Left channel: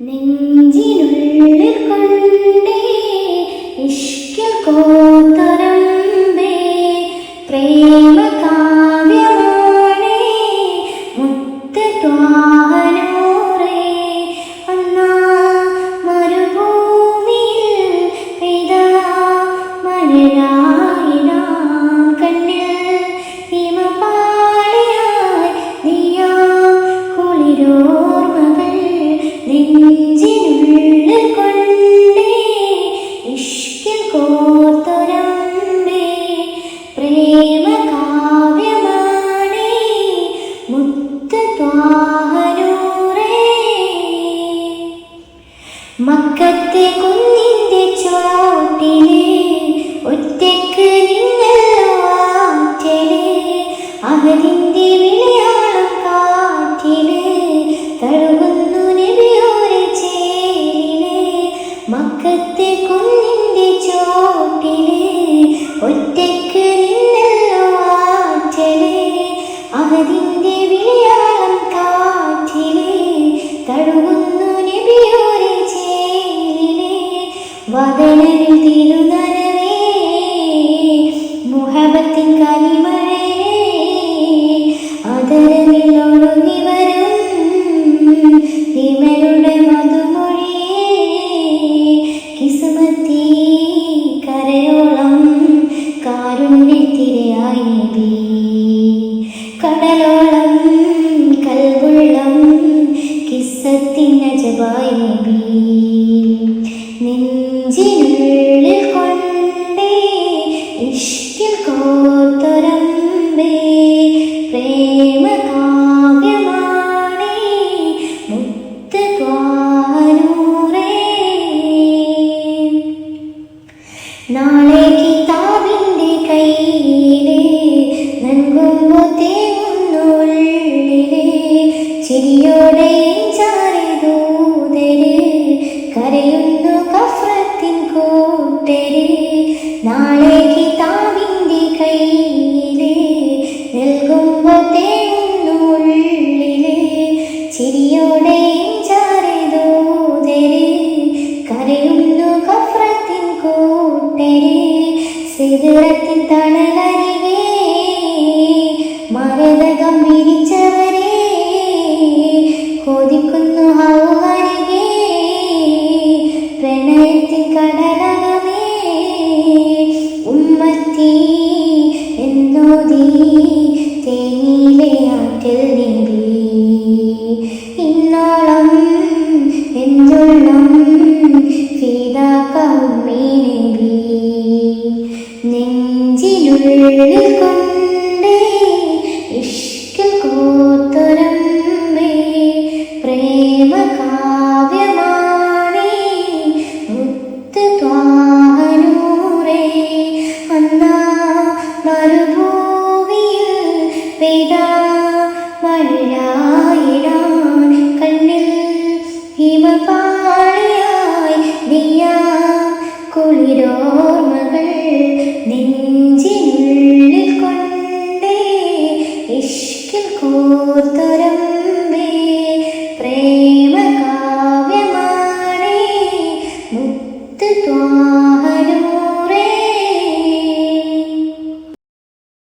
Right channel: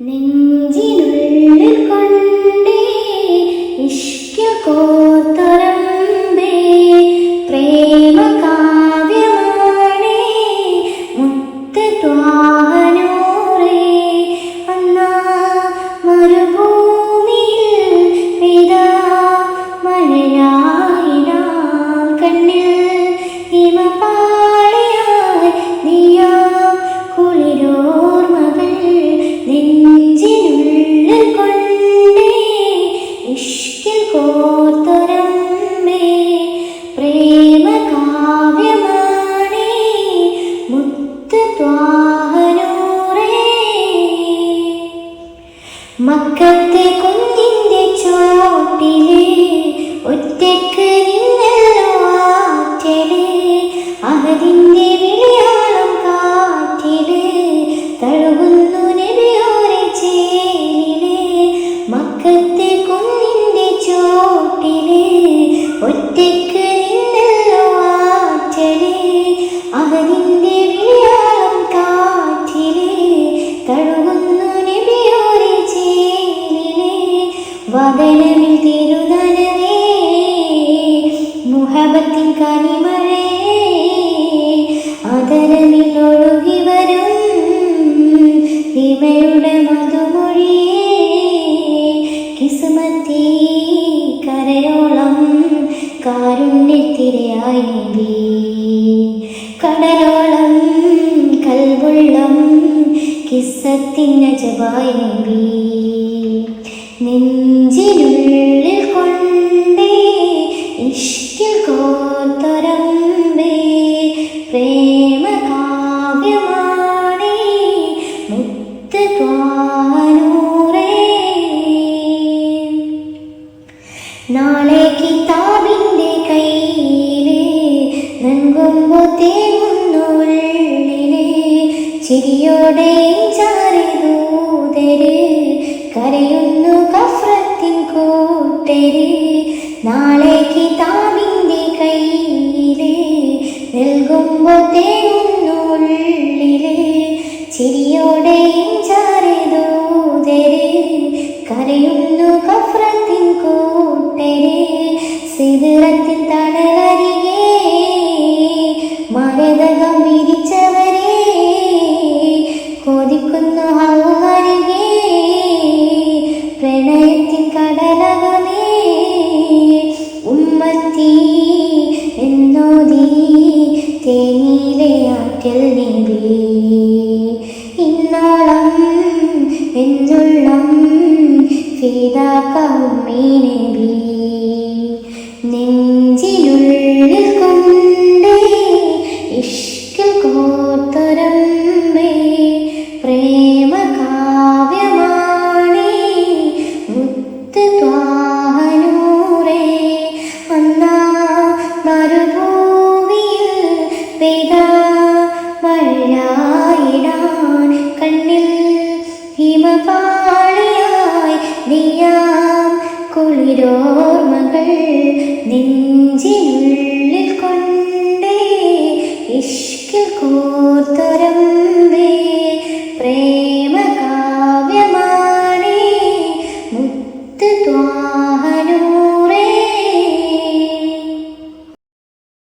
നെഞ്ചിനുള്ളിൽ കൊണ്ടേ ഇഷ്കിൽ കോർത്തരമ്പേ പ്രേമ കാവ്യമാണേ മുത്ത് ത്വാഹനൂറേ അന്നാ മരുഭൂമിയിൽ പെയ്താ മഴയായിടാം കണ്ണിൽ ഹിമപാളിയായി നീയാ കുളിരോർമകൾ നെഞ്ചിനുള്ളിൽ കൊണ്ടേ ഇഷ്കിൽ കോർത്തരമ്പേ പ്രേമ കാവ്യമാണേ മുത്ത് ത്വാഹനൂറേ മക്കത്തെ കുന്നിൻ്റെ ചോട്ടില് ഒറ്റയ്ക്ക് നിന്നല്ലോ ആറ്റല് അഹദിൻ്റെ വിളിയാളം കാറ്റില് തഴുകുന്നു നബിയോരെ ചേലില് മക്കത്തെ കുന്നിൻ്റെ ചോട്ടില് ഒറ്റയ്ക്ക് നിന്നല്ലോ ആറ്റല് അഹദിൻ്റെ വിളിയാളം കാറ്റില് തഴുകുന്നു നബിയോരെ ചേലില് വദനമിൽ തിരുനനവേ മുഹബത്തിൻ കനിമഴേ ആദരമിൽ ഒഴുകി വരും ഹിമയുടെ മധുമൊഴിയേ കിസ്മത്തി കരയോളം കാരുണ്യത്തിരയായി നബി കടലോളം കൽബുള്ളം കിസ്സത്തിൻ അജബായി നബി നെഞ്ചിനുള്ളിൽ കൊണ്ടേ ഇഷ്കിൽ കോർത്തരമ്പേ പ്രേമ കാവ്യമാണേ മുത്ത് ത്വാഹനൂറേ നാളെ കിതാബിൻ്റെ കയ്യില് നൻകുമ്പോ തേങ്ങുന്നുള്ളില് ചിരിയോടെ ചാരി ദൂതര് കരയുന്നു കഫ്രത്തിൻ കൂട്ടര് നാളെ കിതാബിൻ്റെ കയ്യില് നൽകുമ്പോ തേങ്ങുന്നുള്ളില് ചിരിയോടെ ചാരി ദൂതര് കരയുന്നു കഫ്രത്തിൻ കൂട്ടര് സിദ്റത്തിൻ തണലരികെ മരതകം വിരിച്ചവരെ കൊതിക്കുന്നു ഹൗലരികെ പ്രണയത്തിൻ കടലകമേ ഉമ്മത്തി എന്നോദി തേനിയിലെ ആറ്റൽ നബി ഇന്നോളം എന്നുള്ളം ഫിദാക ഉമ്മീ നബി നെഞ്ചിനുള്ളിൽ കൊണ്ടേ ഇഷ്കിൽ കോർത്തരമ്പേ പ്രേമ കാവ്യമാണേ മുത്ത് ത്വാഹനൂറേ അന്നാ മരുഭൂമിയിൽ പെയ്താ മഴയായിടാൻ കണ്ണിൽ ഹിമപാളിയായി നീയാം കുളിരോർമകൾ നെഞ്ചിനുള്ളിൽ കൊണ്ടേ ഇഷ്കിൽ കോർത്തരം